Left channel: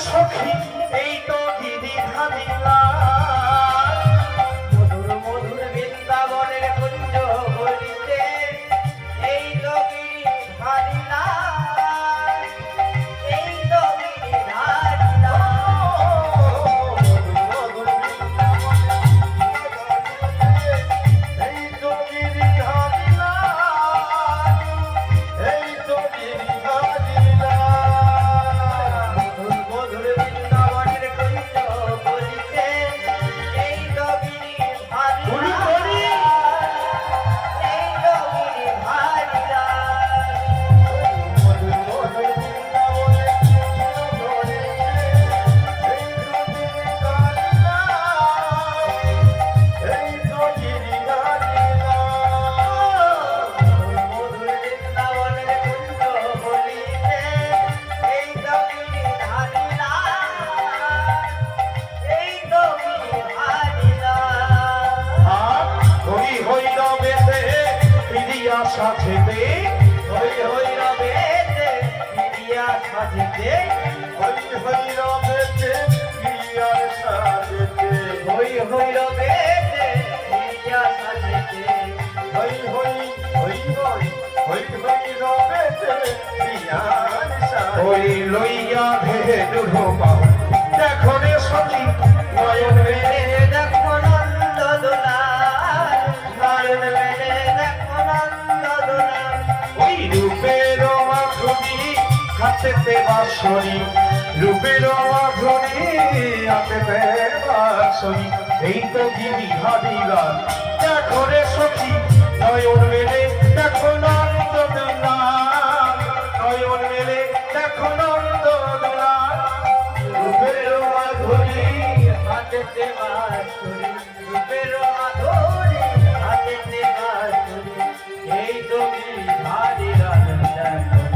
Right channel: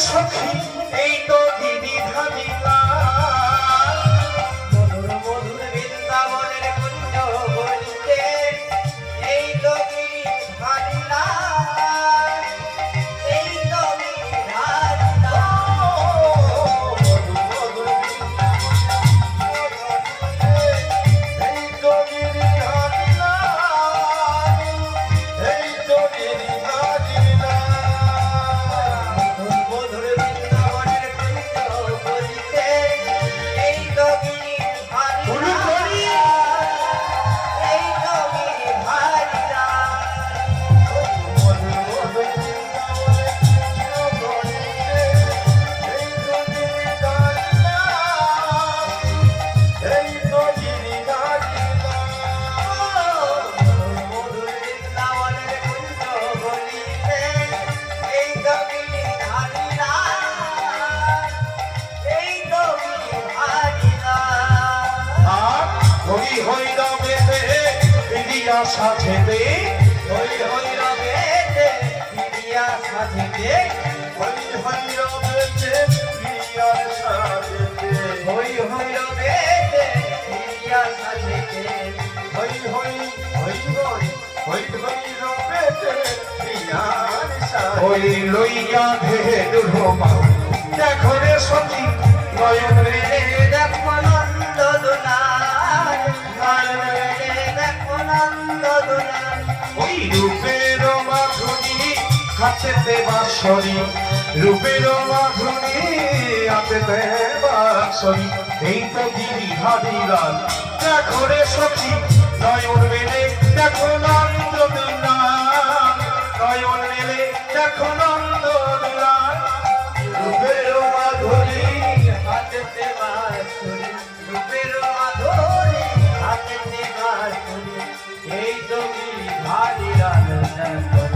সখী এই তো দিদি ধানিলা মধুর মধুর বৃন্দাবনের কুঞ্জ বলিতে এই তো গিরিধারীলা এই তো গিরিধারীলা এই তো দিদি ধানিলা এই তো দিদি ধানিলা মধুর বৃন্দাবনের কুঞ্জ বলিতে এই তো গিরিধারীলা এই তো গিরিধারীলা মধুর বৃন্দাবনের কুঞ্জ বলিতে এই তো গিরিধারীলা এই তো গিরিধারীলা সাথে হই হই রবে পিডিয়া সাজিতে হই হই রবেছে প্রিয়ার সাথে হই হই রবে পিডিয়া সাজিতে হই হই হই হই হই হই রবেছে প্রিয়ার সাথে ওই লইয়া ভেদুর বাউ দেখো রে সখী নয়ন রে দেখো নন্দ দোলা নয়ন মেলে দেখো নন্দ দোলা ওই রূপের মাধুরী হাতেতে বাঁশরি রূপের মাধুরী হাতেতে বাঁশরি এই তো গিরি হারিলাল দেখো রে সখী নয়ন মেলে দেখো নন্দ দোলা নয়ন মেলে দেখো নন্দ দোলা রূপের মাধুরী হাতেতে বাঁশরি রূপের মাধুরী হাতেতে বাঁশরি এই তো গিরিধারীরা দেখো